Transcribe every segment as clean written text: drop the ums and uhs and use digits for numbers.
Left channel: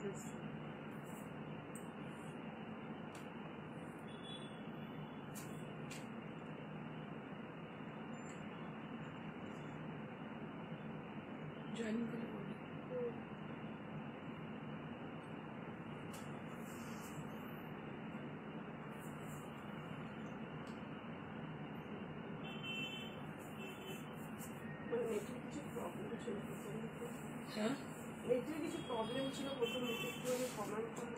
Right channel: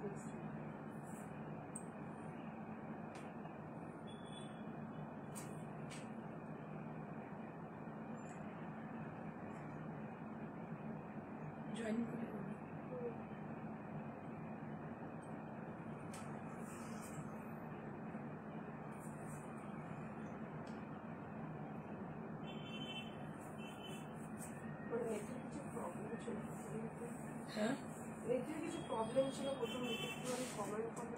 Join করে হ্যাঁ কিছু প্রবলেম ছিল প্রথম দিকে, একটু আমি কমেন্ট করতে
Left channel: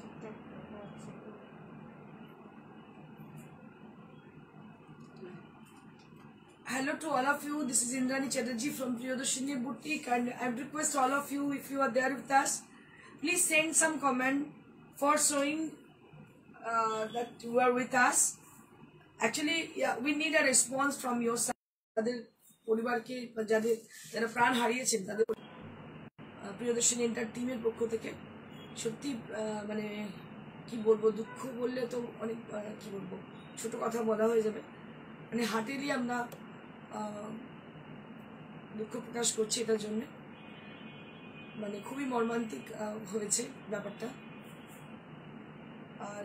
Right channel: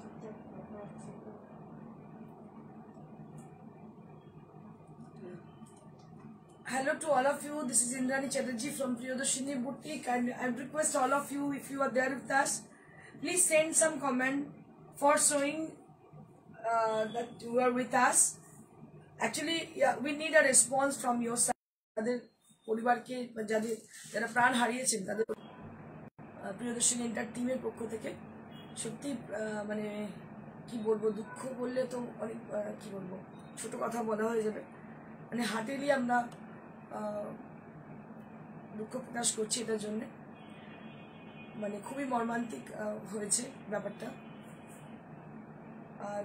ঠিকঠাক দেখা যাচ্ছে। Hello to all of you. This is Indrani Chatterjee from Priyadarshini Boutique, and I request all of you, if you are there with us, please send some comment for showing that you are with us. Actually, yeah, we need a response from your side. তাদের পরিবারকে যারা প্রাণ হারিয়েছেন তাদের Priyadarshini enter টিমের পক্ষ থেকে সত্যি মানে কি বলবো, দুঃখ বললে তো অনেক কি বলবো, ছোট কথা বলা হয়ে যাবে। মানে হার্টেলি আমরা দুঃখ প্রকাশ করছি এটার জন্য। মানে খুবই মর্মান্তিক হয়েছে ব্যাপারটা। আর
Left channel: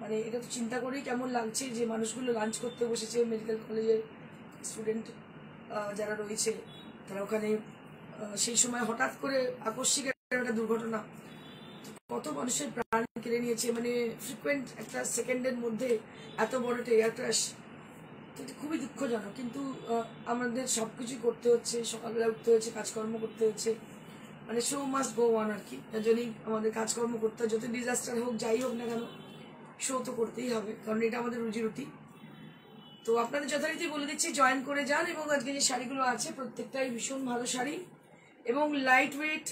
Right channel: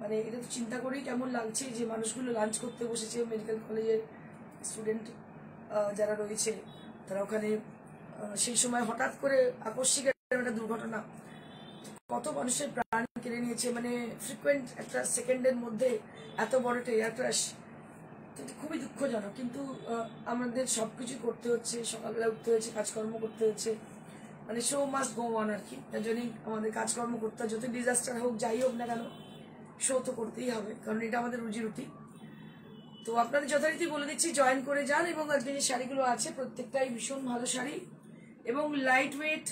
মানে এটা তো চিন্তা করেই কেমন লাগছে যে মানুষগুলো লাঞ্চ করতে বসেছে, মেডিকেল কলেজের স্টুডেন্ট যারা রয়েছে তারা ওখানে, সেই সময় হঠাৎ করে আকস্মিক একটা দুর্ঘটনা কত মানুষের প্রাণ কেড়ে নিয়েছে। মানে ফ্রিকুয়েন্ট একটা সেকেন্ডের মধ্যে এত বড় একটা এয়ার ক্র্যাশ, খুবই দুঃখজনক। কিন্তু আমাদের সবকিছু করতে হচ্ছে, সকালবেলা উঠতে হয়েছে, কাজকর্ম করতে হচ্ছে, মানে শো মাস্ট গো অন আর কি। তার জন্যই আমাদের কাজকর্ম করতে হয়, যত ডিজাস্টার হোক যাই হোক না কেন শো তো করতেই হবে, কারণ এটা আমাদের রুজি রুটি। তো আপনাদের যথারীতি বলে দিচ্ছি জয়েন করে যান। এবং আজকে যে শাড়িগুলো আছে প্রত্যেকটাই ভীষণ ভালো শাড়ি এবং লাইট ওয়েট,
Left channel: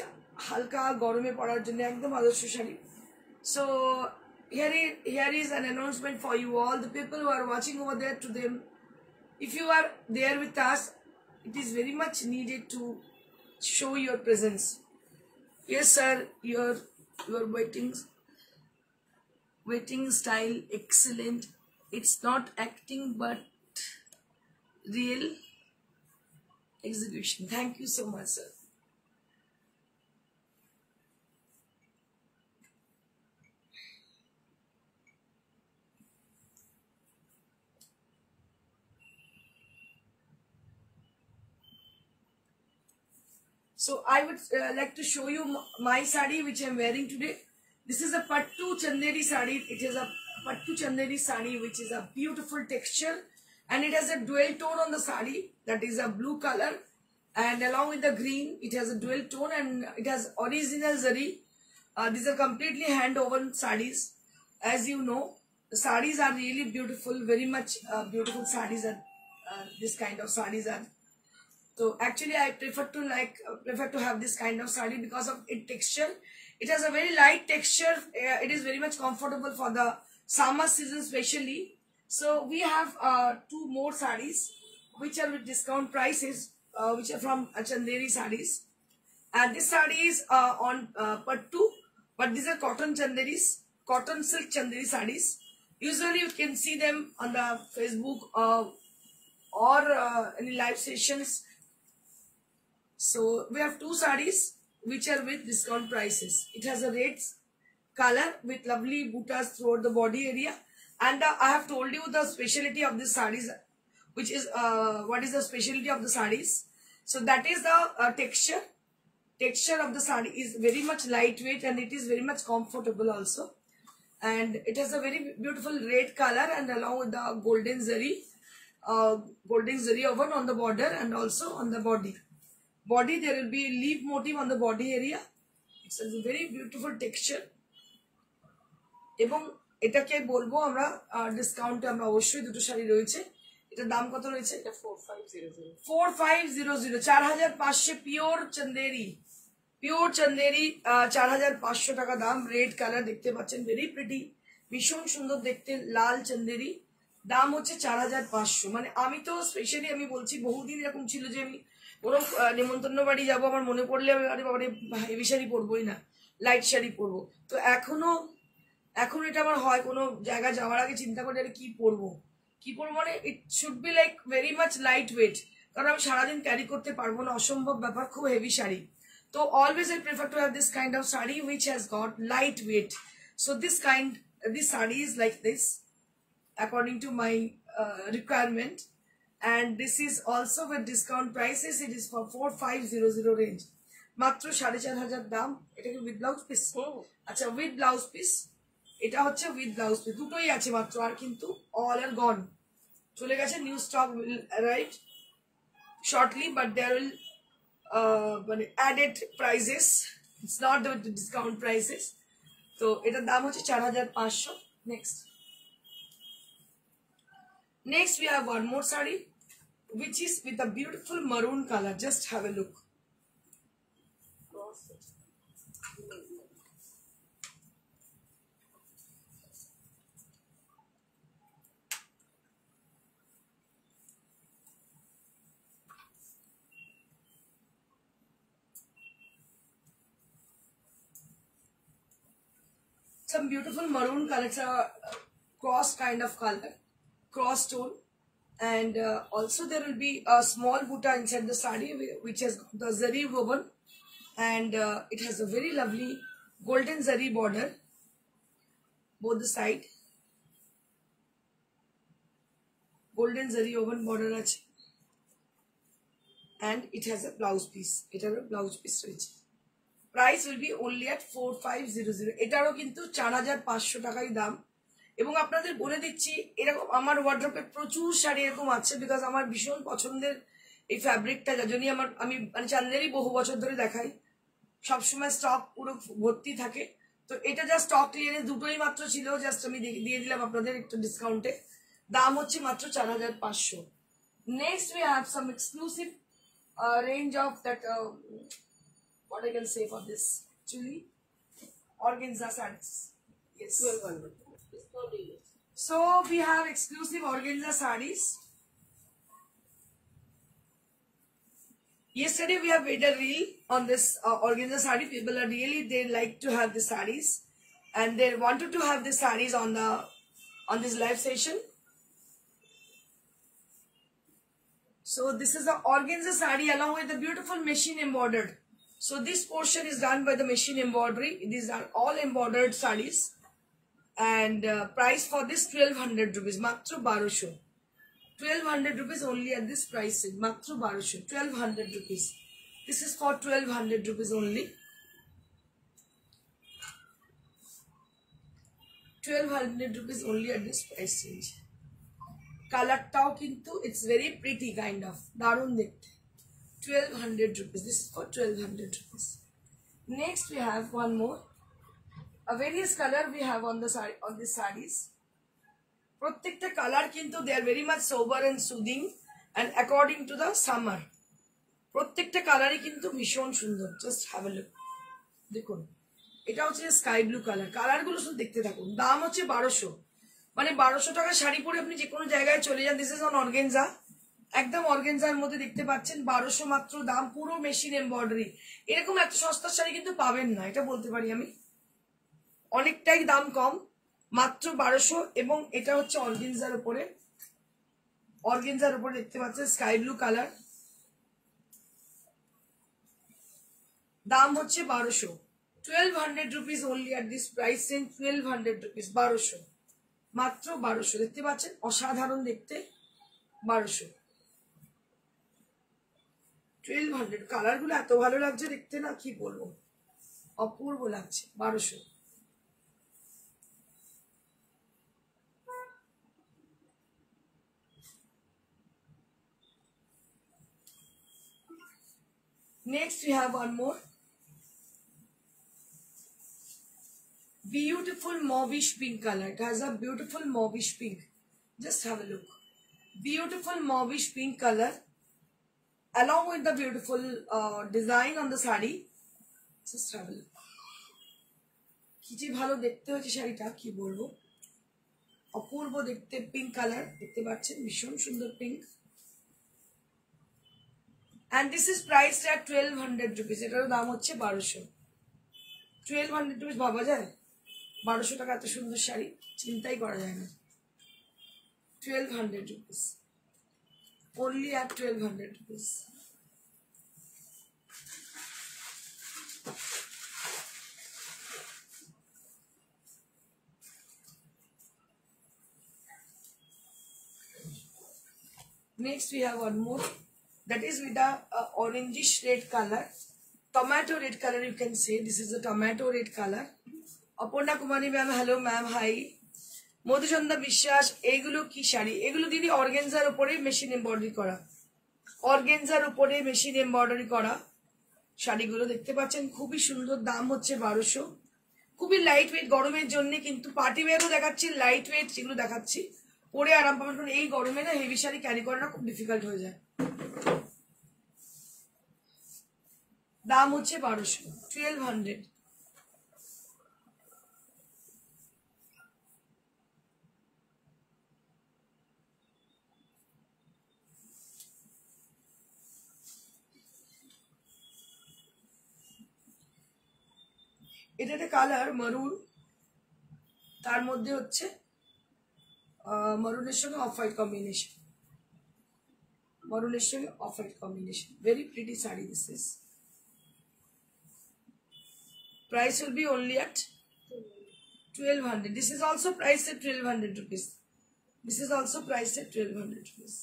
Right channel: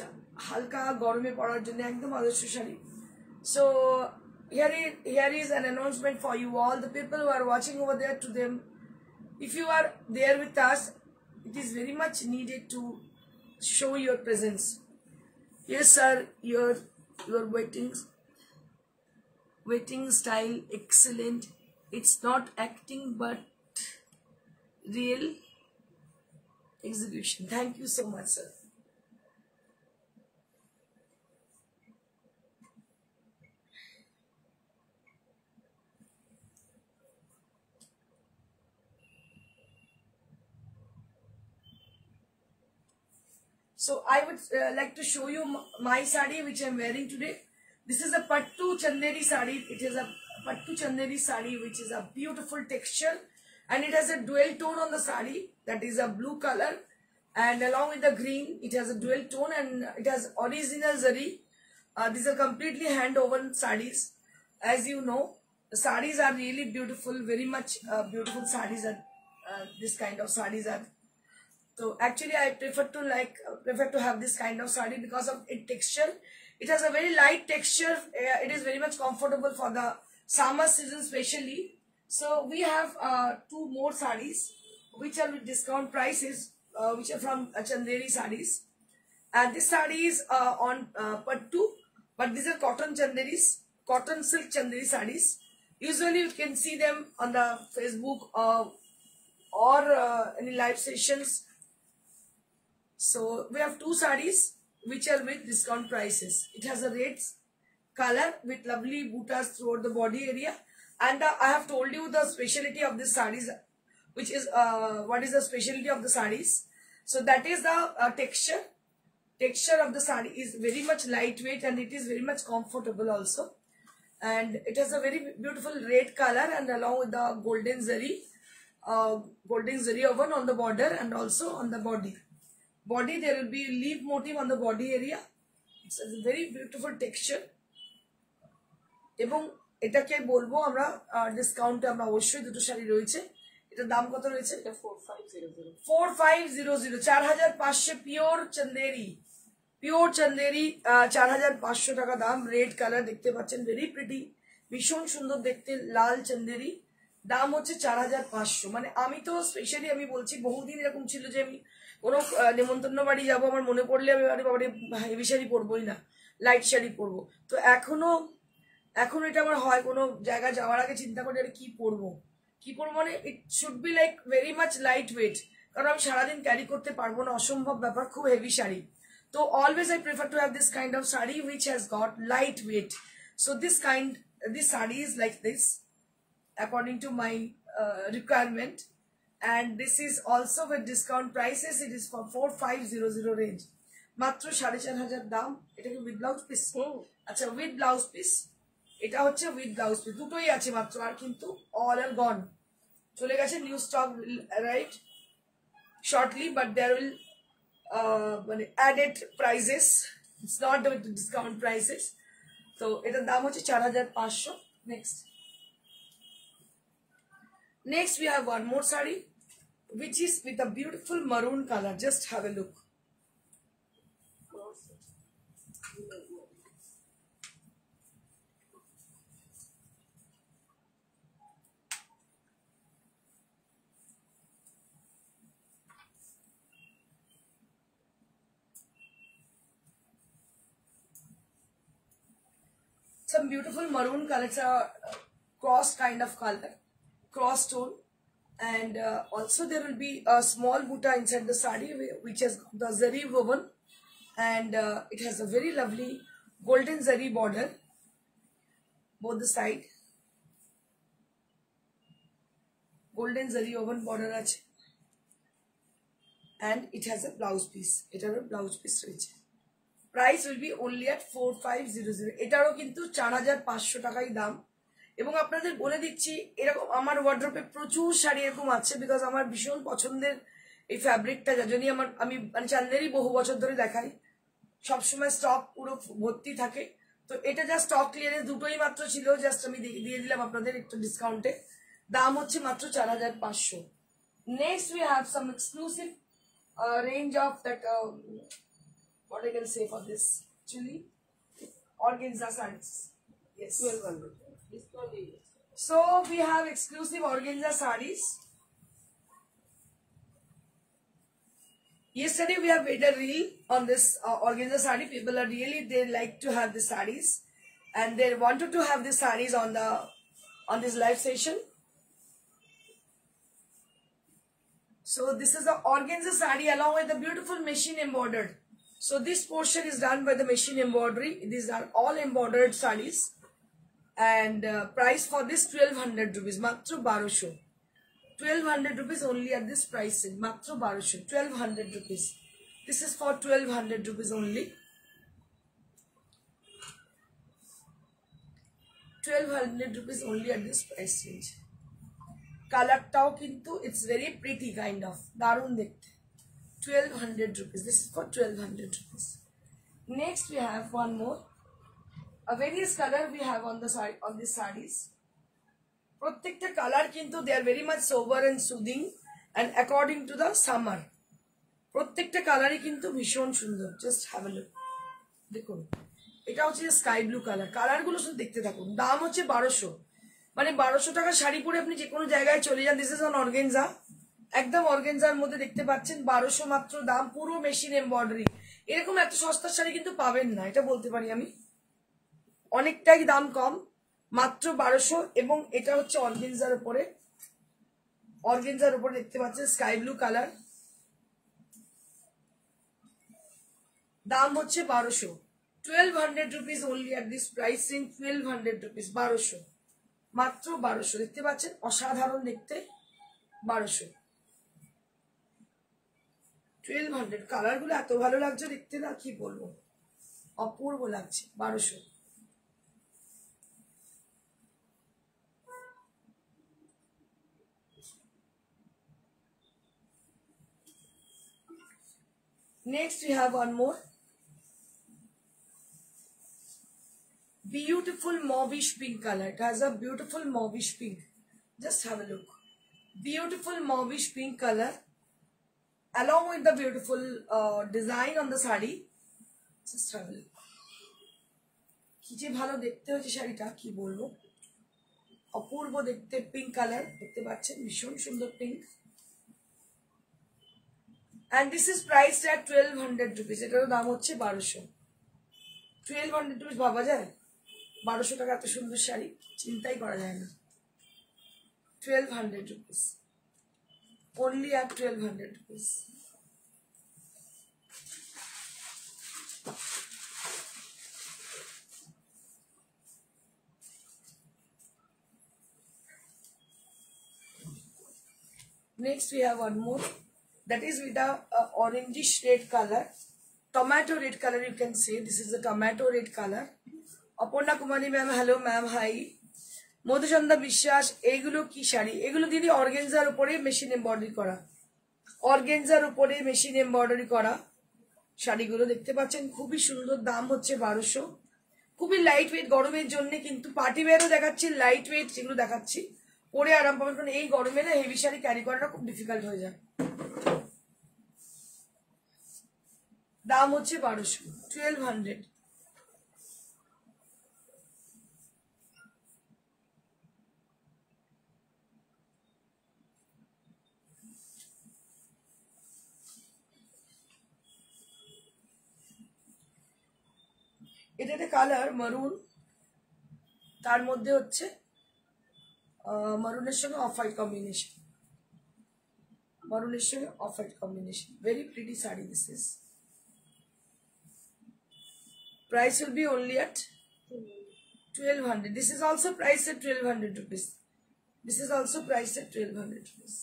হালকা গরমে পরার জন্য একদম আদর্শ sari. So here is an announcement for you all, the people who are watching over there, to them, if you are there with us, it is very much needed to show your presence. Yes sir, your waiting style excellent. It's not acting but real execution. Thank you so much sir. So I would like to show you my sari which I am wearing today. This is a Pattu Chanderi sari. It is a Pattu Chanderi sari which is a beautiful texture, and it has a dual tone on the sari, that is a blue color, and along with the green it has a dual tone, and it has original zari. These are completely hand woven saris. As you know, the saris are really beautiful, very much beautiful saris are this kind of saris are. So actually I prefer to have this kind of sari because of its texture. It has a very light texture. It is very much comfortable for the summer season especially. So we have two more saris which are with discount prices, which are from Chanderi saris. And this sari is on Pattu, but these are cotton Chanderis, cotton silk Chanderi saris. Usually you can see them on the Facebook or any live sessions. So we have two saris which are with discount prices. It has a red color with lovely buttas throughout the body area, and I have told you the speciality of this saris, which is what is the speciality of the saris. So that is the texture of the sari is very much lightweight, and it is very much comfortable also, and it has a very beautiful red color, and along with the golden zari woven on the border and also on the body there will be a leaf motif on the body area. It's a very beautiful texture. এবং এটাকে বলবো আমরা ডিসকাউন্টে আমরা অবশ্যই দুটো শাড়ি রয়েছে। এটার দাম কত রয়েছে? এটা 4500 4500 পিওর চান্দেরি 4500 টাকা দাম। রেড কালার দেখতে পাচ্ছেন, ভেরি প্রিটি, ভীষণ সুন্দর দেখতে, লাল চান্দেরি, দাম হচ্ছে 4500। মানে আমি তো স্পেশালি আমি বলছি, বহুদিন এরকম ছিল যে আমি কোনো নেমন্তন্ন বাড়ি যাবো, আমার মনে পড়লে আরে বাবারে হেভি শাড়ি পরবোই না, লাইট শাড়ি পরবো। তো এখনো এটা আমার হয়, কোনো জায়গা যাওয়ার আগে চিন্তা করি আরে কি পরবো মানে it should be like very much light weight, কারণ আমি সারাদিন ক্যারি করতে পারবো না, অসম্ভব ব্যাপার, খুব হেভি শাড়ি। তো So always I prefer to have this kind of sari which has got lightweight. So this sari is like this according to my requirement, and this is also with discount prices. It is for 4500 range. মাত্র 4500 দাম। এটা কি with blouse piece? আচ্ছা with blouse piece, এটা হচ্ছে with blouse piece, দুটোই আছে মাত্র, আর কিন্তু অল আর গন চলে গেছে। New stock will arrive shortly, but there will added prices, it's not the discount prices. So এটার দাম হচ্ছে 4500। Next we have one more sari which is with a beautiful maroon color. Just have a look. Some beautiful maroon color. It's a cross kind of color, cross tone, and also there will be a small buta inside the sari which has the zari woven, and it has a very lovely golden zari border both the side. Golden zari woven border ache, and it has a blouse piece. It has a blouse piece রয়েছে। Price will be only at 4500। এটারও কিন্তু 4500 টাকাই দাম। এবং আপনাদের বলে দিচ্ছি, এরকম আমার ওয়ার্ড্রপে প্রচুর শাড়ি এরকম আছে, বিকজ আমার ভীষণ পছন্দের এই ফ্যাব্রিকটা, যার জন্যই আমি মানে চান্দেরি বহু বছর ধরে দেখাই, সবসময় স্টক পুরো ভর্তি থাকে। তো এটা জাস্ট স্টক ক্লিয়ারেন্স, দুটোই মাত্র ছিল, জাস্ট আমি দিয়ে দিলাম আপনাদের একটু ডিসকাউন্টে। দাম হচ্ছে মাত্র 4500। Next we have some exclusive range of that what I can say for this actually organza sarees. Yes, 1200. So we have exclusive organza sarees. Yesterday we have made a reel on this organza saree. People are really, they like to have the sarees, and they wanted to have the sarees on this live session. So this is the organza saree along with the beautiful machine embroidered. So this portion is done by the machine embroidery. These are all embroidered sarees, and price for this 1200 rupees, matro 1200. 1200 rupees only at this price. Matro 1200, 1200 rupees. This is for 1200 rupees only. 1200 rupees only at this price range. Color tao kintu it's very pretty kind of darun dekhte. 1200 rupees. This is for 1200 rupees. Next we have one more. A various color we have on the sari, on these sarees. Prottekta color kintu they are very much sober and soothing, and according to the summer. Prottekta color I kintu bhishon sundor. Just have a look. Dekhun. Eta hocche sky blue color. Color gulo shudhu dekhte thakun. Dam hocche 1200. মানে 1200 টাকা শাড়ি পরে আপনি যে কোনো জায়গায় চলে যান। This is on organza, একদম অর্গানজার মধ্যে দেখতে পাচ্ছেন, 1200 মাত্র দাম, পুরো মেশিন এমব্রয়ডারি। এরকম এত সস্তার শাড়ি কিন্তু পাবেন না, এটা বলতে পারি আমি। অনেকটাই দাম কম, মাত্র 1200। এবং এটা হচ্ছে অর্গানজার উপরে, অর্গানজার উপরে দেখতে পাচ্ছেন স্কাই ব্লু কালার। দাম হচ্ছে 1200। 1200 rupees only at this price range. 1200 rupees, 1200 মাত্র 1200। দেখতে পাচ্ছেন অসাধারণ দেখতে, 1200। 1200 কালার গুলো এত ভালো লাগছে দেখতে, না কি বলবো, অপূর্ব লাগছে। 1200। Next we have one more beautiful mauvish pink color. It has a beautiful mauvish pink. Just have a look. Beautiful mauvish pink color along with the beautiful design on the sari. Just have a look. কি যে ভালো দেখতে হয়েছে শাড়িটা, কি বলবো, অপূর্ব দেখতে। Pink colour দেখতে পাচ্ছেন, ভীষণ সুন্দর pink. and this is priced at 1200 rupees. এটার দাম হচ্ছে 1200। 1200 rupees ভাবা যায়? 1200 টাকা এত সুন্দর শাড়ি চিন্তাই করা যায় না। 1200 rupees only at 1200 rupees. Next we have one more, that is with a orangish red color, tomato red color you can say. This is the tomato red color. Aparna Kumari ma'am, hello ma'am, hi. Madhuchanda Bishwas, এগুলো কি শাড়ি? এগুলো দিদি organza উপরে machine embroidery করা, organza উপরে machine embroidery করা শাড়িগুলো দেখতে পাচ্ছেন, খুবই সুন্দর। দাম হচ্ছে 1200। খুবই লাইট ওয়েট, গরমের জন্য কিন্তু পার্টি ওয়্যারও দেখাচ্ছি, লাইট ওয়েট যেগুলো দেখাচ্ছি পরে আরাম পাবেন, কারণ এই গরমে না হেভি শাড়ি ক্যারি করাটা খুব ডিফিকাল্ট হয়ে যায়। দাম হচ্ছে 1200, 1200। এটা একটা কালার মারুন, তার মধ্যে হচ্ছে মারুনের সঙ্গে অফ হোয়াইট কম্বিনেশন, মারুনের সঙ্গে off white combination, very pretty sari this is. Price will be only at 1200. This is also priced at 1200 rupees. This is also priced at 1200 rupees.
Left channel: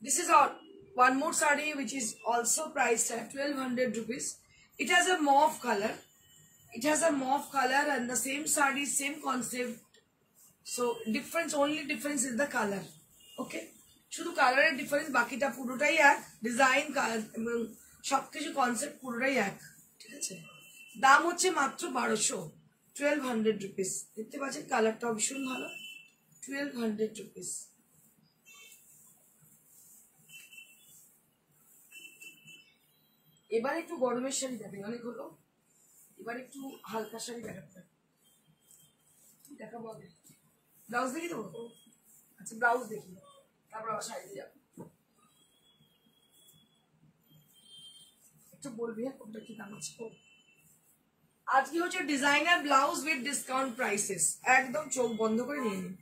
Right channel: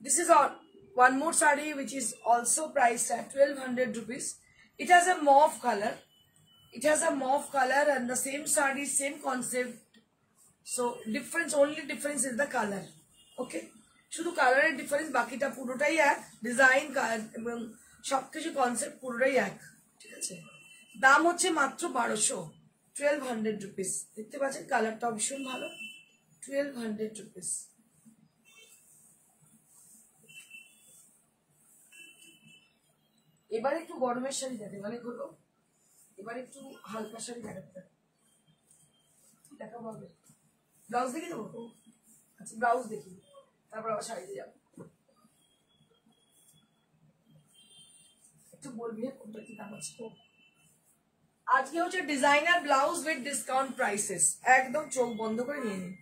This is all one more saree which is also priced at 1200 rupees. It has a mauve color. It has a mauve color and the same saree, same concept. So difference, only difference is the color. Okay. শুধু কালারের difference, বাকিটা পুরোটাই এক, design এবং সবকিছু concept পুরোটাই এক, ঠিক আছে। দাম হচ্ছে মাত্র 1200, 1200 রুপিস। দেখতে পাচ্ছেন কালারটাও ভীষণ ভালো, 1200 রুপিস। এবার একটু গরমের শাড়ি দেখেন, অনেক হলো, এবার একটু হালকা শাড়ি দেখাতে দেখাবো। আগে ব্লাউজ দেখি দেবো, আচ্ছা ব্লাউজ দেখি, তারপর আবার শাড়ি দিয়ে যাবো। একটু বলবি কোনটা কি দাম আছে। আজকে হচ্ছে designer blouse with discount prices, একদম চোখ বন্ধ করে নিয়ে নিন।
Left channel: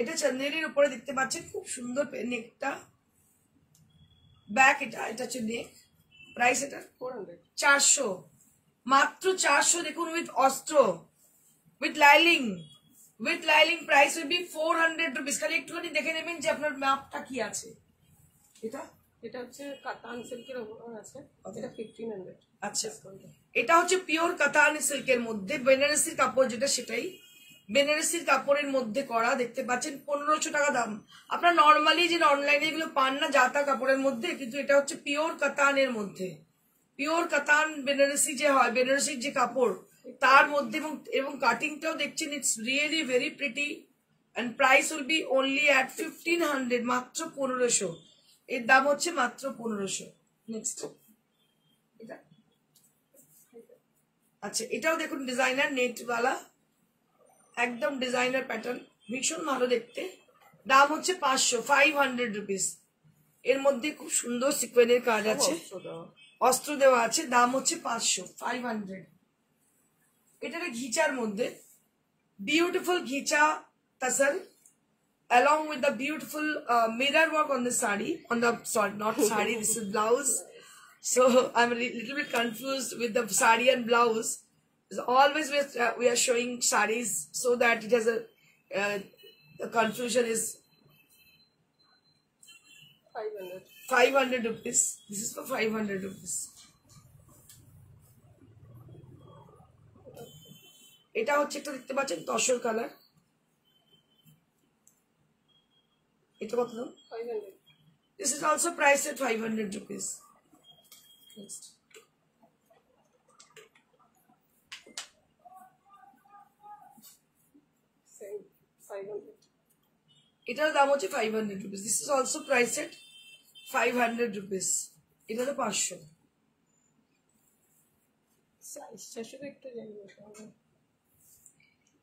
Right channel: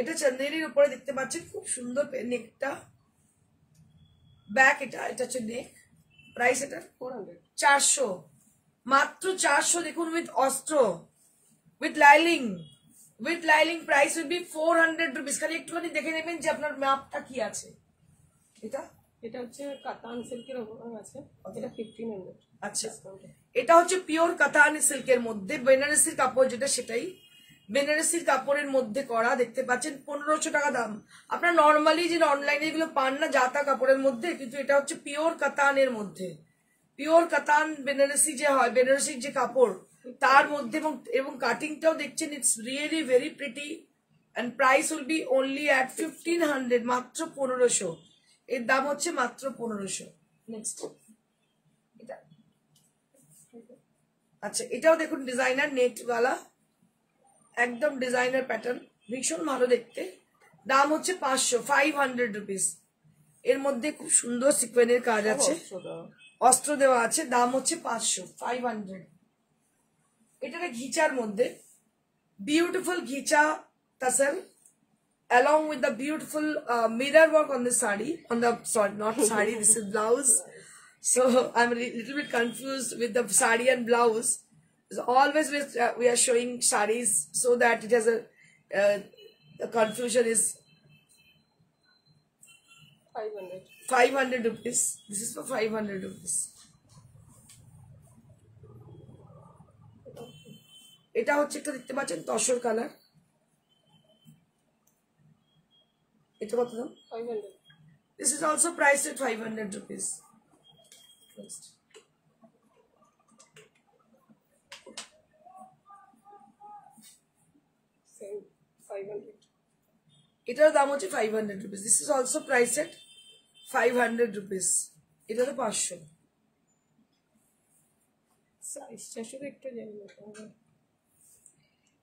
এটা চন্দেরির উপরে দেখতে পাচ্ছেন, খুব সুন্দর নেকটা, ব্যাক, এটা হচ্ছে নেক। প্রাইস এটা 400, মাত্র 400। দেখুন উইথ অস্ত্র, with লাইলিং, with লাইলিং price will B 400 rupees. খালি একটুখানি দেখে নেবেন যে আপনার মাপটা কি আছে। এটা হচ্ছে কাতান সিল্কের উপর আছে, এটা 1500। আচ্ছা, এটা হচ্ছে পিওর কাতান সিল্কের মধ্যে বেনারসির কাপড়, যেটা সেটাই বেনারসির কাপড়ের মধ্যে করা, দেখতে পাচ্ছেন 1500 টাকা দাম। আপনার নর্মালি যে অনলাইনে এগুলো পান না জাতা কাপড়ের মধ্যে, কিন্তু এটা হচ্ছে পিওর কাতানের মধ্যে, পিওর কাতান বেনারসি যে হয়, বেনারসির যে কাপড় তার মধ্যে, এবং কাটিংটাও দেখছেন, it's really very pretty and price will be only at 1500, মাত্র 1500। এর দাম হচ্ছে মাত্র 1500। নেক্সট এটা, আচ্ছা এটাও দেখুন ডিজাইনার নেটওয়ালা, একদম ডিজাইনার প্যাটার্ন, ভীষণ ভালো দেখতে। দাম হচ্ছে 500, 500 রুপিস। এর মধ্যে খুব সুন্দর সিকোয়েন্সের কাজ আছে, অস্ত্র দেওয়া আছে। দাম হচ্ছে 500, 500। এটা ঘিচার মধ্যে, beautiful ghicha tussar along with the beautiful mirror work on the sari, on the, sorry, not sari, this is blouse. So I'm a little bit confused with the sari and blouse. So always we are showing saris so that it has the confusion is 500 rupees. This is for 500 rupees. এটা হচ্ছে একটা দেখতে পাচ্ছেন tussar colour, এটা কত দাম? 500. This is also priced at 500 rupees. Next. Same 500. এটার দাম হচ্ছে 500 rupees. This is also priced at 500 rupees. এটা তো 500। সাইজটা শুধু একটু জানি না।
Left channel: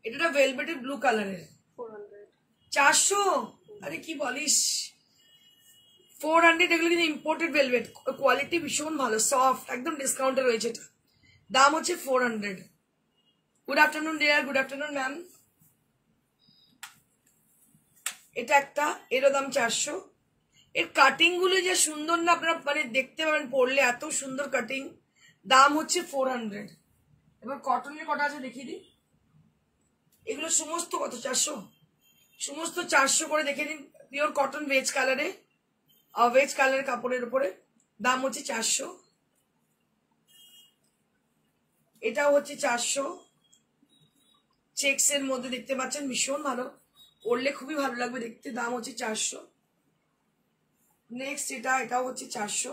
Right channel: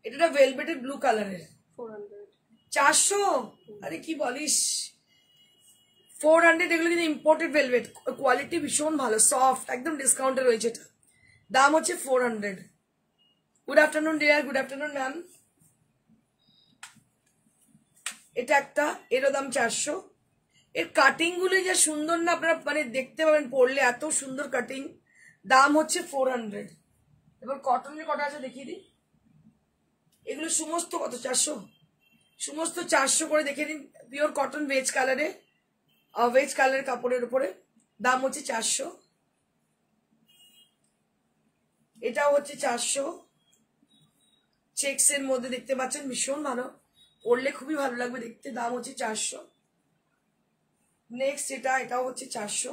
এটা ভেলভেটেড ব্লু কালারের, 400। 400? আরে কি বলিস, 400। এগুলো কিন্তু ইম্পোর্টেড ভেলভেট, কোয়ালিটি ভীষণ ভালো, সফট, একদম ডিসকাউন্টে রয়েছে এটা। দাম হচ্ছে 400। Good afternoon dear, good afternoon ma'am. এটা একটা, এরও দাম 400। এর কাটিং গুলো যে সুন্দর না, আপনারা মানে দেখতে পাবেন পরলে, এত সুন্দর কাটিং। দাম হচ্ছে 400। এবার কটনের কটা আছে দেখিয়ে দিই। এগুলো সমস্ত কত? 400, সমস্ত 400 করে দেখে দিন। পিওর কটন ভেজ কালারে, ভেজ কালারের কাপড়ের উপরে, দাম হচ্ছে 400। এটাও হচ্ছে 400, চেক্স এর মধ্যে দেখতে পাচ্ছেন, ভীষণ ভালো, পরলে খুবই ভালো লাগবে দেখতে, দাম হচ্ছে 400। নেক্সট এটাও হচ্ছে 400,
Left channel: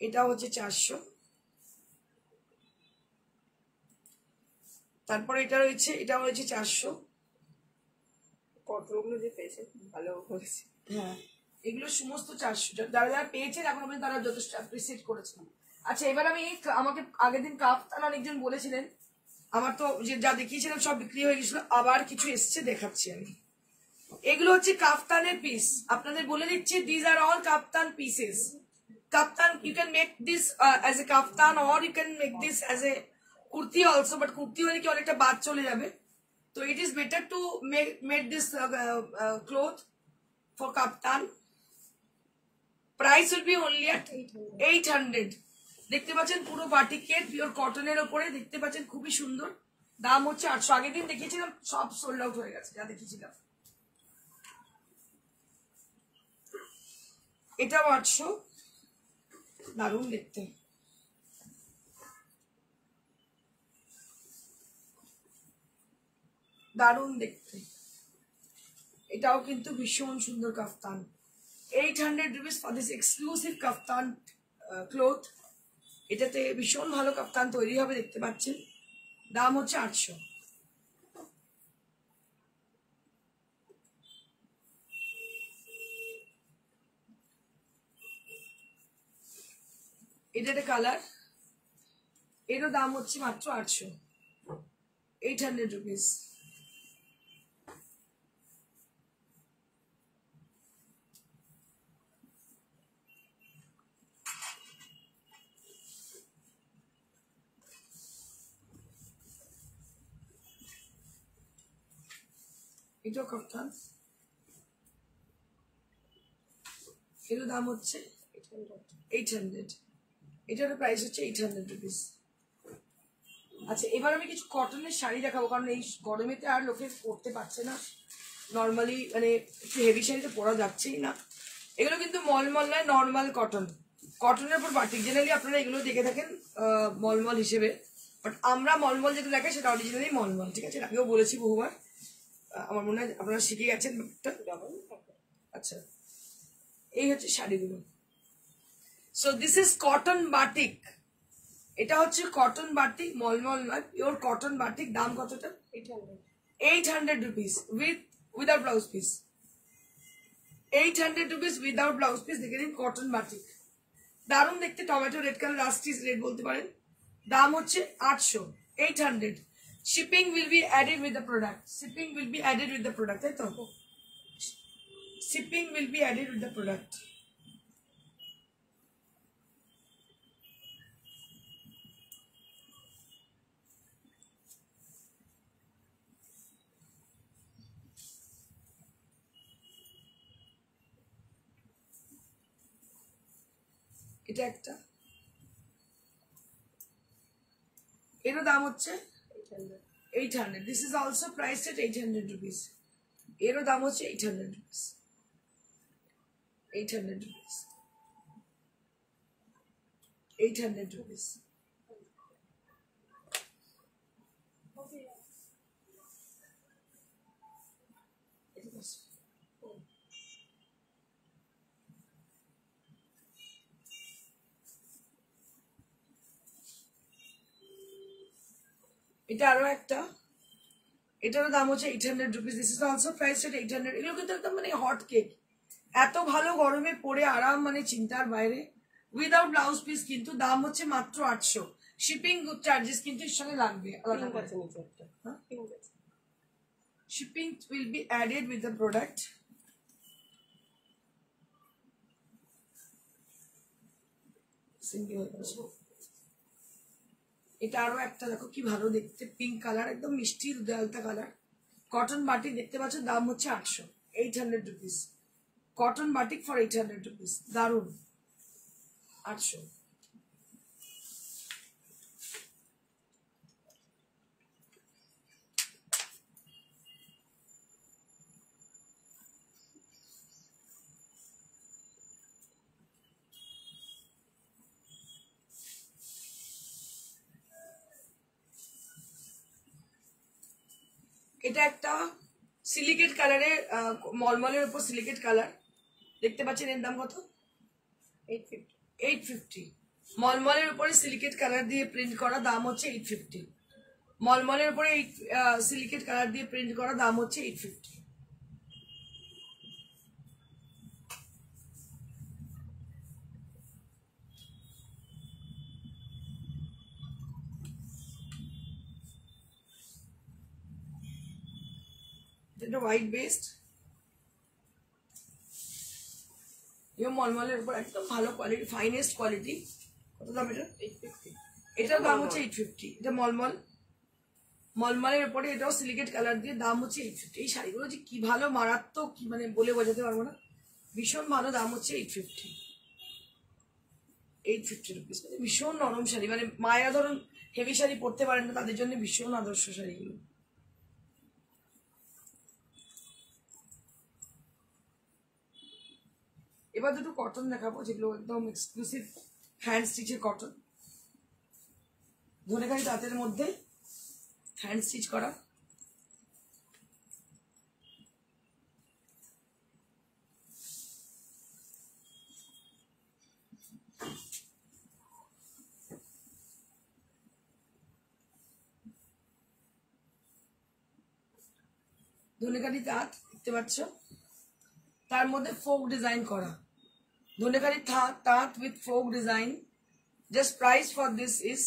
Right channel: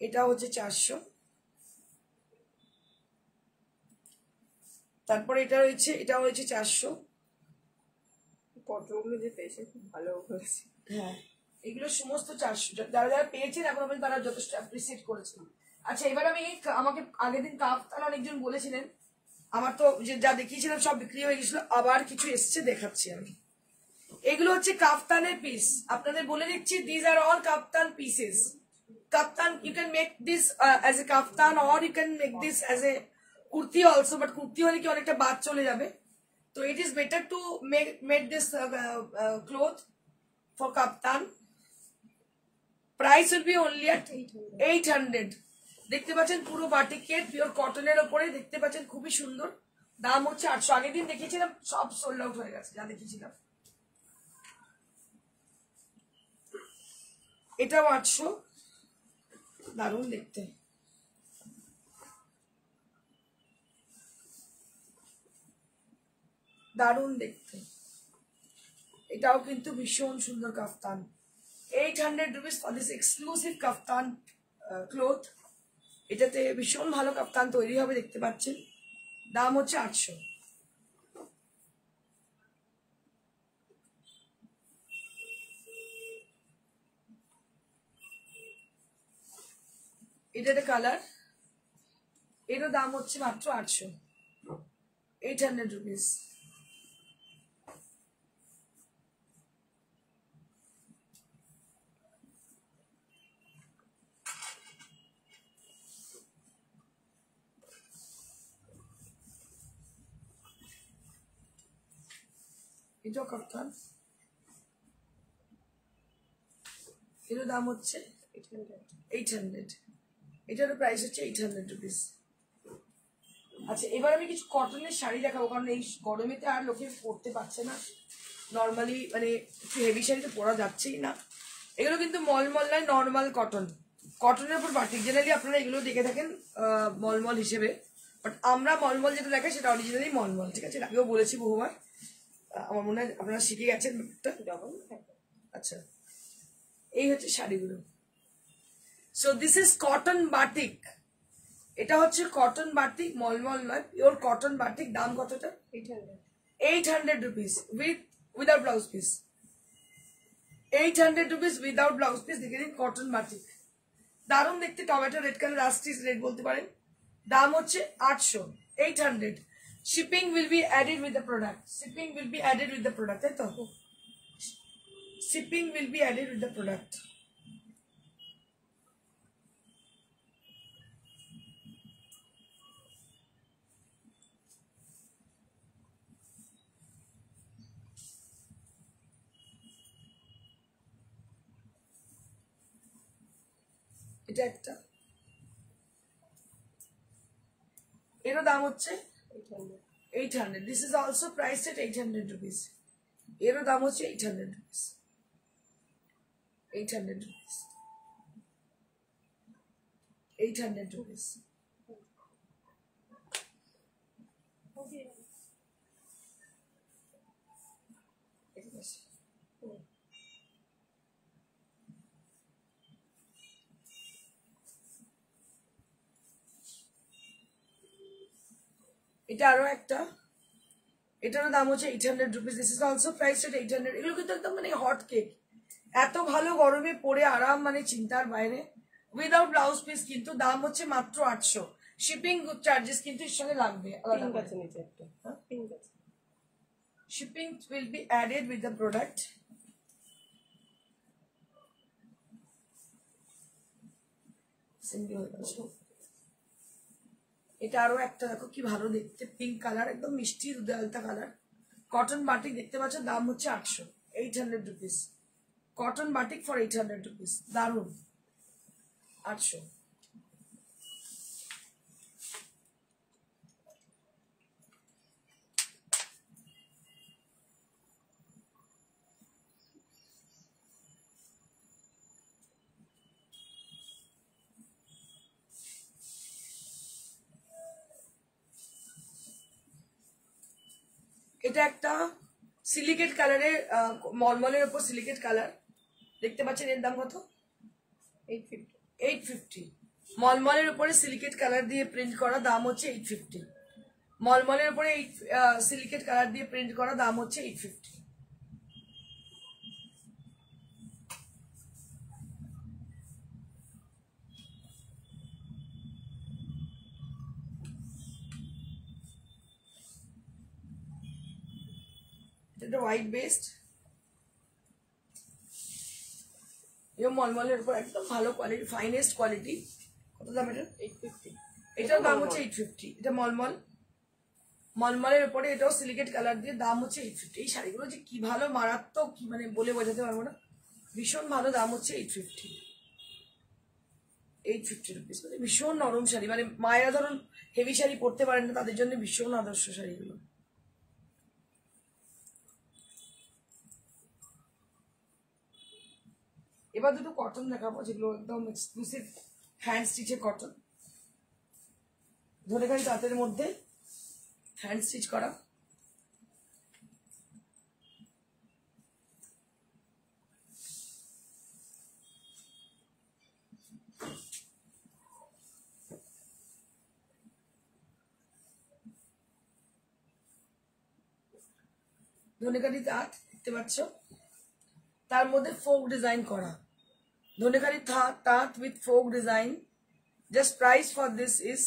এটাও হচ্ছে 400। তারপরে এটাও হচ্ছে 400। কটনগুলো যে পেয়েছে খুব ভালো হয়েছে। হ্যাঁ, এগুলো সমস্ত 400। যারা যারা পেয়েছেন এখন আপনি, তারা যথেষ্ট অ্যাপ্রিসিয়েট করেছেন। আচ্ছা, এবার আমি আমাকে আগের দিন কাপ্তান অনেকজন বলেছিলেন, আমার তো যা দেখিয়েছিলাম সব বিক্রি হয়ে গেছিল, আবার কিছু এসছে, দেখাচ্ছি আমি। এগুলো হচ্ছে কাফতানের পিস, আপনাদের বলে দিচ্ছি, this are all kaftan pieces. Kaftan, you can make this as a kaftan, or you can make this as a kurti also, but kurti হলে কি অনেকটা বাদ চলে যাবে, তো it is better to make this cloth for kaftan. Price will be only at 800। দেখতে পাচ্ছেন পুরো বাটিকের পিওর কটনের ওপরে, দেখতে পাচ্ছেন খুবই সুন্দর, দাম হচ্ছে 800। আগের দিন দেখিয়েছিলাম, সব সোল্ড আউট হয়ে গেছে যা দেখিয়েছিলাম। এটাও 800, দারুণ দেখতে। দারুণ দেখতে, এটাও কিন্তু ভীষণ সুন্দর কাফতান। 800 rupees for this exclusive kaftan cloth. এটাতে ভীষণ ভালো কাফতান তৈরি হবে, দেখতে পাচ্ছেন, দাম হচ্ছে 800। এটা একটা কালার, এরও দাম হচ্ছে মাত্র 800, 800 rupees। এটাও কাফতান, এরও দাম হচ্ছে 800। এটারও প্রাইস হচ্ছে 800 rupees। আচ্ছা, এবার আমি কিছু কটনের শাড়ি দেখাবো, কারণ এই গরমেতে আর লোকে পরতে পারছে না, নর্মালি মানে একটু হেভি শাড়িটা পরা যাচ্ছেই না। এগুলো কিন্তু মলমল নয়, নর্মাল কটন, কটনের উপর বাটিক। জেনারেলি আপনারা এগুলো দেখে থাকেন মলমল হিসেবে, বাট আমরা মলমল যেটা দেখাই সেটা অরিজিনালি মলমল, ঠিক আছে? আগেও বলেছি বহুবার, আমার মনে হয় আপনারা শিখে গেছেন ব্যাপারটা। আচ্ছা, এই হচ্ছে শাড়িগুলো। So this is cotton batik, এটা হচ্ছে কটন বাটিক, মলমল নয়, পিওর কটন বাটিক। দাম কতটা? 800 rupees without blouse piece. 800 rupees without blouse piece. দেখে দিন, কটন বাটিক, দারুণ দেখতে, টমেটো রেড কালার, রাস্টিস রেড বলতে পারেন। দাম হচ্ছে 800, 800। Shipping will be added with the product, shipping will be added with the product, তাই তো? Shipping will be added with the product. এটা একটা, এরও দাম হচ্ছে 800। This is also price at 800 rupees। এরও দাম হচ্ছে 800 rupees, 800 rupees, 800 rupees। এটা আরো একটা, এটারও দাম হচ্ছে 800 rupees। This is also price at 800। এগুলো কিন্তু একদম মানে হট কেক, এত ভালো গরমে পরে আরাম, মানে চিন্তার বাইরে, উইদাউট ব্লাউজ পিস। কিন্তু দাম হচ্ছে মাত্র 800। শিপিং চার্জেস কিন্তু এর সঙ্গে লাগবে আলাদা করে। Shipping will be added with the product. এটা আরো একটা দেখো কি ভালো দেখতে, পিঙ্ক কালার, একদম মিষ্টি দুধে আলতা কালার। কটন বাটিক দেখতে পাচ্ছ, দাম হচ্ছে 800, 800 rupees. Cotton batik for 800 rupees, দারুন। 800। এটা একটা সিলিকেট কালারের, মলমলের উপর সিলিকেট কালার দেখতে পাচ্ছেন। এর দাম কত? 850। 850। মলমলের উপরে সিলিকেট কালার দিয়ে প্রিন্ট করা, দাম হচ্ছে 850। মলমলের উপরে সিলিকেট কালার দিয়ে প্রিন্ট করা, দাম হচ্ছে 850। এটা হোয়াইট বেসড, মলমলের উপর একদম ভালো কোয়ালিটি, ফাইনেস্ট কোয়ালিটি। কত দাম এটা? 850। এটার দাম হচ্ছে 850। এটা মলমল, মলমলের উপরে এটাও সিলিকেট কালার দিয়ে, দাম হচ্ছে 850। এই শাড়িগুলো যে কি ভালো, মারাত্মক, কি মানে বলে বোঝাতে পারবো না, ভীষণ ভালো। দাম হচ্ছে 850। 850 রুপিস। মানে ভীষণ নরম শাড়ি, মানে মায়েরা ধরুন হেভি শাড়ি পরতে পারেন না, তাদের জন্য ভীষণ আদর্শ শাড়িগুলো। এবার দুটো কটন দেখাবো, যেগুলো একদম এক্সক্লুসিভ হ্যান্ড স্টিচের কটন, ধনেখালি তাঁতের মধ্যে হ্যান্ড স্টিচ করা। ধনেখালি তাঁত দেখতে পাচ্ছ, তার মধ্যে ফোক ডিজাইন করা। ধনেখালি তাঁত with folk design. Just price for this is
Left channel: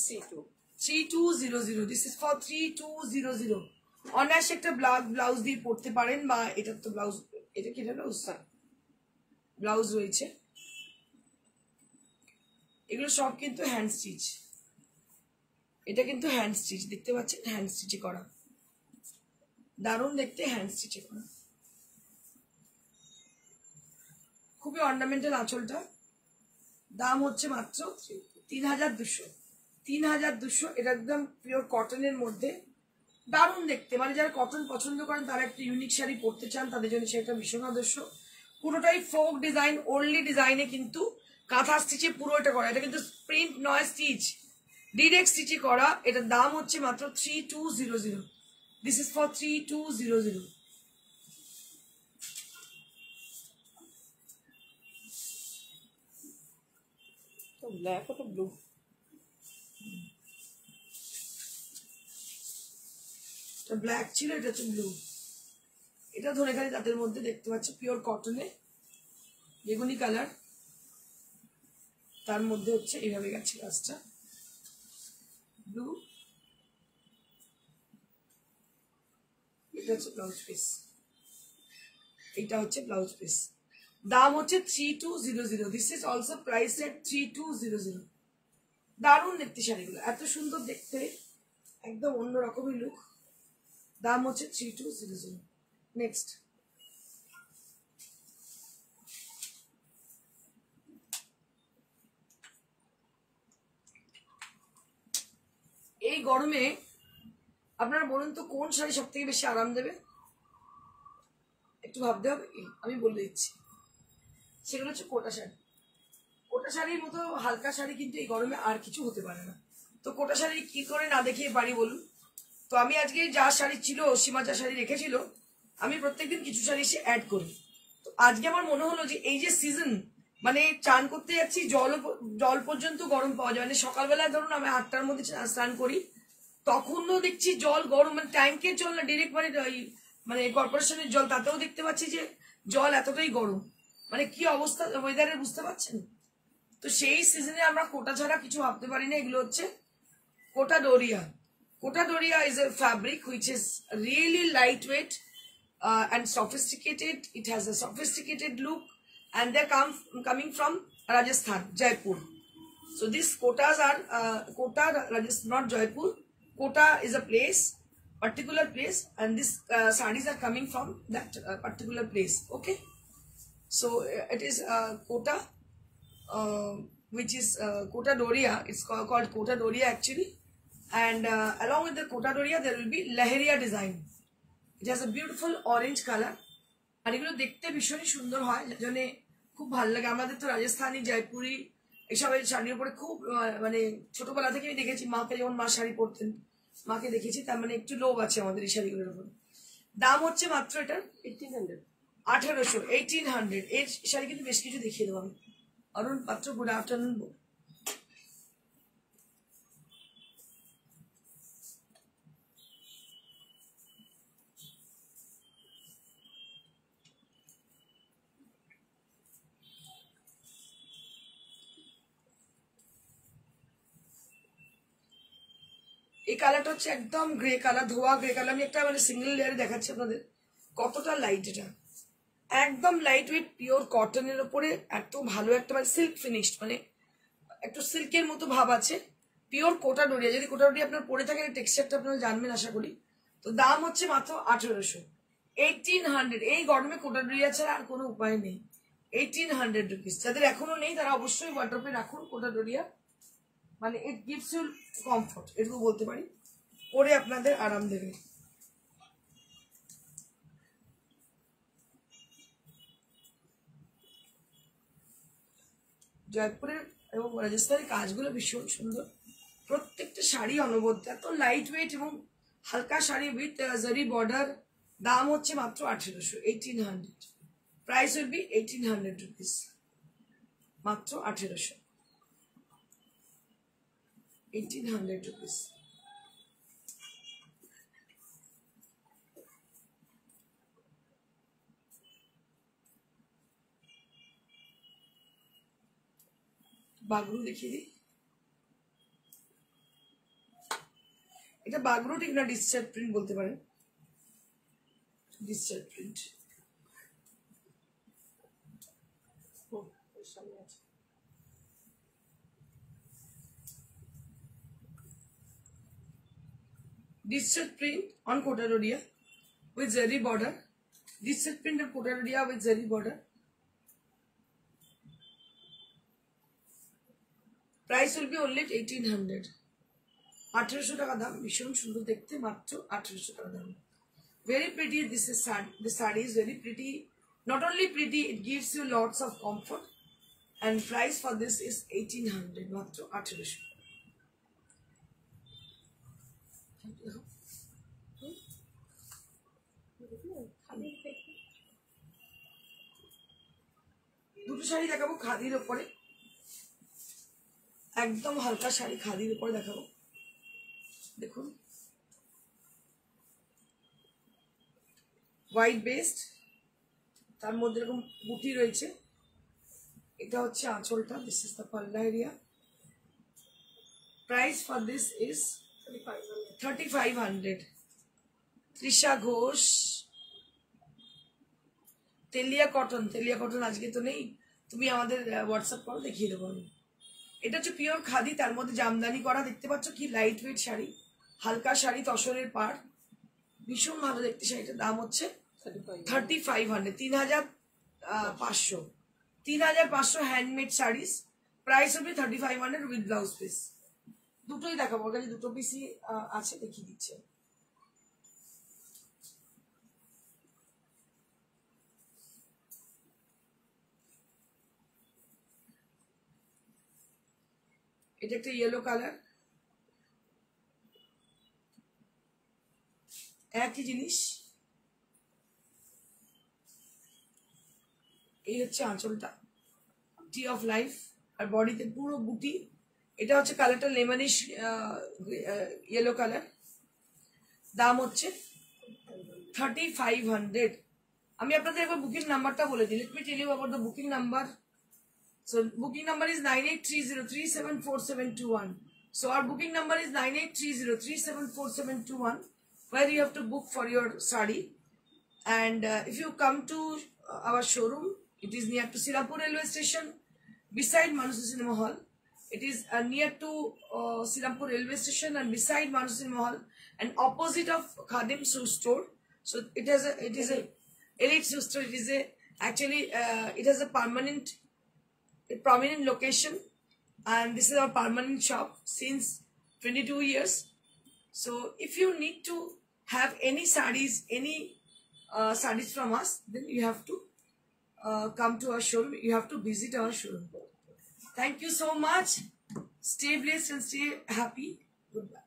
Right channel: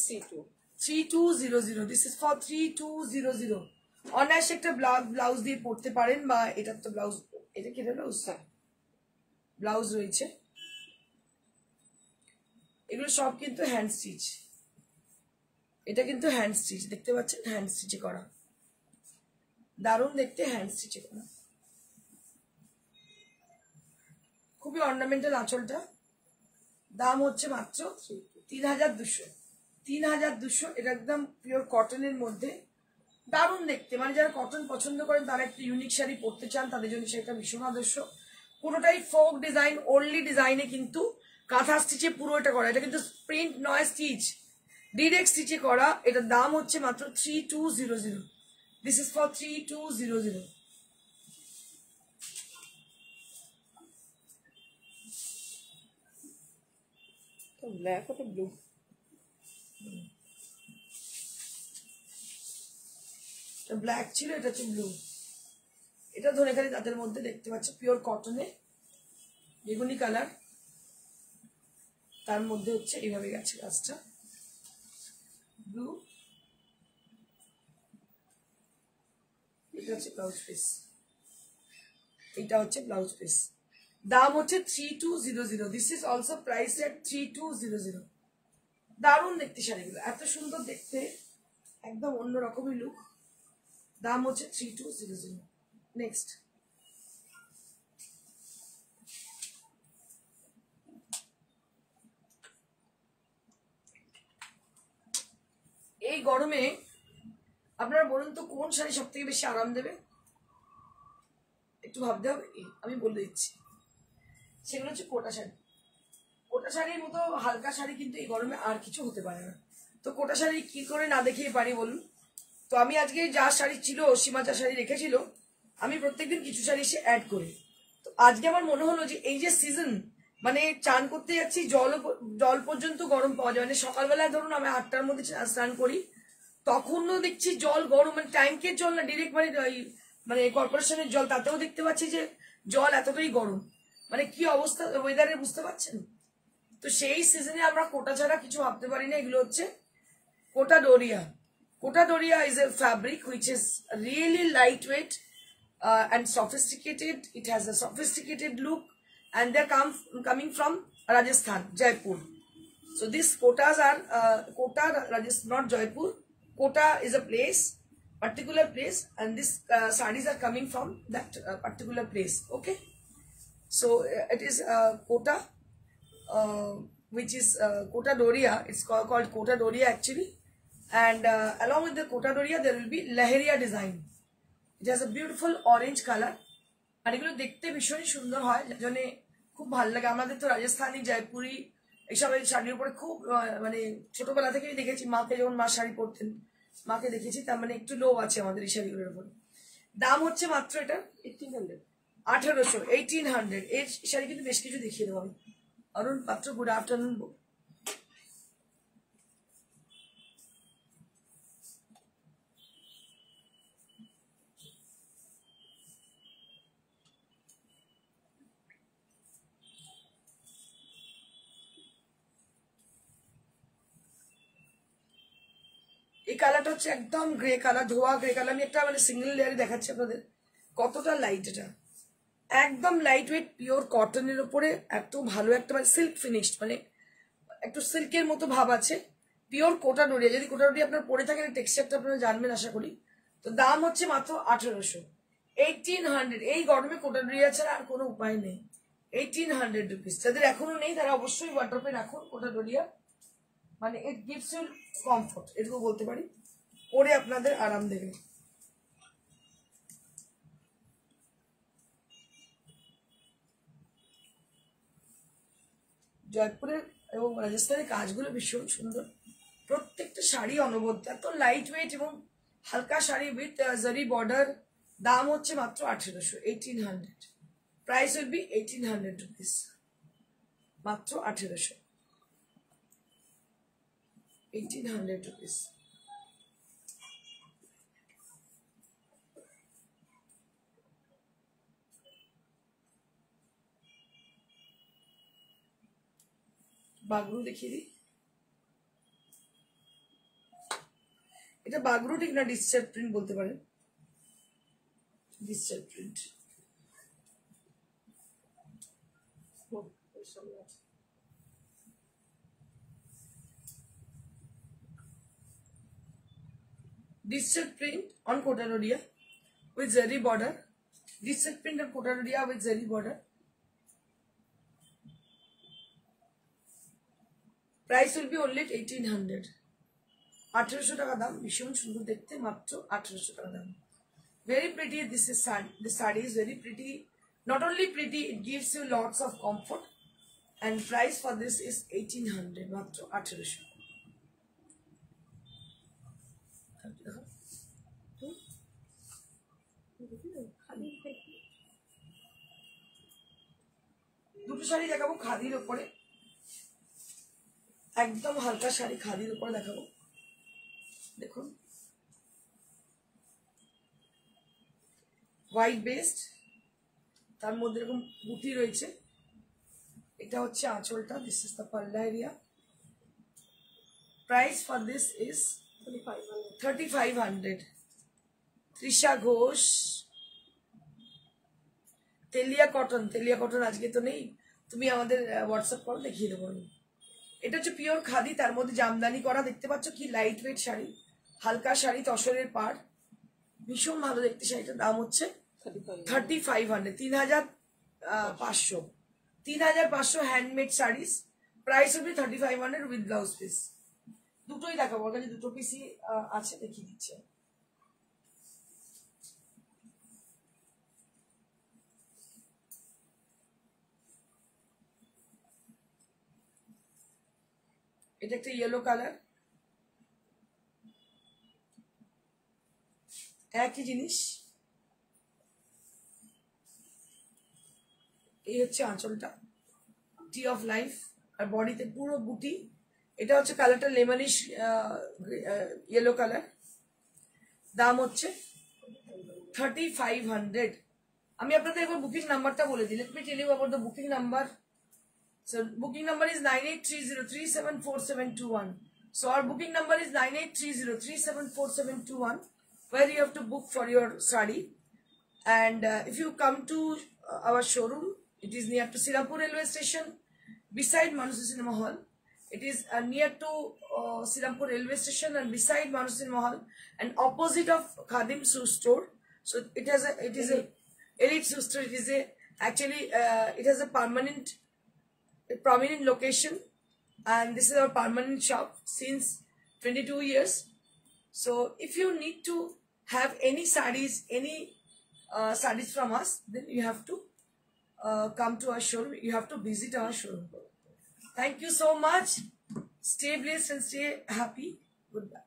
3200। This is for 3200। অনায়াসে একটা ব্লাউজ দিয়ে পড়তে পারেন, বা এটার তো ব্লাউজ, এটা কি ব্লাউজ? ব্লাউজ রয়েছে। এগুলো সব কিন্তু হ্যান্ড স্টিচ। এটা কিন্তু হ্যান্ড স্টিচ, দেখতে পাচ্ছেন, হ্যান্ড স্টিচে করা, দারুণ দেখতে, হ্যান্ড স্টিচে করা। খুবই অর্নামেন্টাল আঁচলটা। দাম হচ্ছে মাত্র 3200। 3200। এটা একদম পিওর কটনের মধ্যে, দারুণ দেখতে। মানে যারা কটন পছন্দ করেন, তারা একটু ইউনিক শাড়ি পরতে চান, তাদের জন্য সেটা ভীষণ আদর্শ। পুরোটাই ফোক ডিজাইন, ওনলি ডিজাইনে কিন্তু কাঁথা স্টিচে পুরো এটা করা। এটা কিন্তু প্রিন্ট নয়, স্টিচ, ডিরেক্ট স্টিচে করা। এটার দাম হচ্ছে মাত্র 3200। This is for 3200। তো ব্ল্যাক, ওটা ব্লু। ব্ল্যাক ছিল, এটা হচ্ছে ব্লু। এটা ধনেখালি তাঁতের মধ্যে দেখতে পাচ্ছ, পিওর কটনে, বেগুনি কালার, তার মধ্যে হচ্ছে এইভাবে গেছে কাজটা, ব্লু। এটা হচ্ছে ব্লাউজ পিস, এটা হচ্ছে ব্লাউজ পিস। দাম হচ্ছে 3200। দিস ইজ অলসো প্রাইস এট 3200। দারুণ দেখতে শাড়িগুলো, এত সুন্দর দেখতে, একদম অন্যরকমই লুক। দাম হচ্ছে 3200। নেক্সট, এই গরমে আপনারা বলুন তো কোন শাড়ি সব থেকে বেশি আরাম দেবে? একটু ভাবতে হবে, আমি বলে দিচ্ছি। সেগুলো হচ্ছে কোটা শাড়ি। কোটা শাড়ির মতো হালকা শাড়ি কিন্তু এই গরমে আর কিছু হতে পারে না। তো কোটা শাড়ি কি করে না দেখিয়ে পারি বলুন? তো আমি আজকে যা শাড়ি ছিল, সীমা যা শাড়ি রেখেছিল, আমি প্রত্যেকদিন কিছু শাড়ি সে অ্যাড করি। তো আজকে আমার মনে হলো যে এই যে সিজন, মানে চান করতে যাচ্ছি, জল পর্যন্ত গরম পাওয়া যায়। মানে সকালবেলা ধরুন আমি 8টার মধ্যে স্নান করি, তখনও দেখছি জল গরম, মানে ট্যাঙ্কের জল না, ডিরেক্ট মানে কর্পোরেশনের জল, তাতেও দেখতে পাচ্ছি যে জল এতটাই গরম। মানে কি অবস্থা ওয়েদারের, বুঝতে পারছেন? তো সেই সিজনে আমরা কোটা ছাড়া কিছু ভাবতে পারি না। এগুলো হচ্ছে Kota Doria. Kota Doria is a fabric which is really light weight and sophisticated. It has a sophisticated look, and they're coming from Rajasthan, Jaipur. So these Kotas are Kota, Rajasthan, not Jaipur. Kota is a place, particular place, and these sarees are coming from that particular place. Okay, so it is Kota, which is Kota Doria. It's called Kota Doria actually, and along with the Kota Doria, there will be Lahariya design. It has a beautiful orange color, আর এগুলো দেখতে ভীষণই সুন্দর হয়, জন্য খুব ভালো লাগে। আমাদের তো রাজস্থানী, জয়পুরি এইসব শাড়ির উপরে খুব মানে ছোটবেলা থেকেই দেখেছি, মাকে যখন মা শাড়ি পরতেন মাকে দেখেছি, তার মানে একটু লোভ আছে আমাদের এই শাড়িগুলোর উপর। দাম হচ্ছে মাত্র এটা 1800, 1800। এই শাড়ি কিন্তু বেশ কিছু দেখিয়ে দেবো আমি। অরুণ পাত্র, গুড আফটারনুন। এই কালারটা হচ্ছে একদম গ্রে কালার, ধোয়া গ্রে কালার। আমি একটা মানে সিঙ্গেল লেয়ারে দেখাচ্ছি আপনাদের কতটা লাইট। এটা একদম লাইট ওয়েট পিওর কটনের উপরে এত ভালো একটা মানে সিল্ক ফিনিশড, মানে একটু সিল্কের মতো ভাব আছে। পিওর কোটা ডোরিয়া, যদি কোটা ডোরিয়া আপনার পরে থাকেন টেক্সচারটা আপনারা জানবেন আশা করি। তো দাম হচ্ছে মাত্র 1800, 1800। এই গরমে কোটা ডোরিয়া ছাড়া আর কোনো উপায় নেই। 1800 রুপিস। যাদের এখনো নেই তারা অবশ্যই ওয়ার্ড্রপে রাখুন কোটা ডোরিয়া, মানে ইট গিভস ইউ কমফোর্ট, এটুকু বলতে পারি, পরে আপনাদের আরাম দেবে। জয়পুরের এবং রাজস্থানের কাজগুলো ভীষণ সুন্দর, প্রত্যেকটা শাড়ি অনবদ্য, এত লাইট ওয়েট এবং হালকা শাড়ি উইথ জারি বর্ডার। দাম হচ্ছে মাত্র 1800, 1800। প্রাইস উইল বি 1800 রুপিস, মাত্র 1800, 1800 rupees. বাগরু দেখিয়ে দিই। এটা বাগরু ঠিক না, ডিসচার্জ প্রিন্ট বলতে পারেন, discharge print. Digital print on Kota Doria with zari border. Digital print on Kota Doria with zari border. Price will be only 1800. 1800 টাকা দাম, ভীষণ সুন্দর দেখতে, মাত্র 1800 টাকা দাম। Very pretty. This saree is very pretty. Not only pretty, it gives you lots of comfort. And price for this is 1800, মাত্র 1800। দুটো শাড়ি দেখাবো খাদির উপরে, একদম হালকা শাড়ি খাদির উপরে দেখাবো। দেখুন, হোয়াইট বেসড, তার মধ্যে এরকম বুটি রয়েছে। এটা হচ্ছে আঁচলটা, this is the palla area. Price for this is 3500। Trisha Ghosh, Teliya cotton. Teliya cotton আজকে তো নেই, তুমি আমাদের হোয়াটসঅ্যাপ করো, দেখিয়ে দেবো আমি। এটা হচ্ছে পিওর খাদি, তার মধ্যে জামদানি করা। দেখতে পাচ্ছ কি লাইট ওয়েট শাড়ি, হালকা শাড়ি, তসরের পাড়, ভীষণ ভালো দেখতে শাড়িটার। দাম হচ্ছে 3500, 3500, 3500 হ্যান্ডমেড শাড়িস। প্রাইস হবে 3500 উইথ ব্লাউজ পিস। দুটোই দেখাবো, ওর কাছে দুটো পিসই আছে, দেখিয়ে দিচ্ছে। এটা একটা ইয়েলো কালার, একই জিনিস। এই হচ্ছে আঁচলটা, টি অফ লাইফ, আর বডিতে পুরো বুটি। এটা হচ্ছে কালারটা লেমনিশ ইয়েলো কালার। দাম হচ্ছে 3500। আমি আপনাদের একবার বুকিং নাম্বারটা বলে দিই। Let me tell you about the booking number. So booking number is 9830374721. So our booking number is 9830374721, where you have to book for your sari. And if you come to our showroom, it is near to Sirampur railway station, beside Manusa Cinema Hall. It is near to Sirampur railway station and beside Manusa Cinema Hall, and opposite of Khadim shoe store. So it is a elite shoe store. It is a actually it has a prominent location, and this is our permanent shop since 22 years. So if you need to have any sarees, sarees from us, then you have to come to our showroom. You have to visit our showroom. Thank you so much. Stay blessed and stay happy. Goodbye.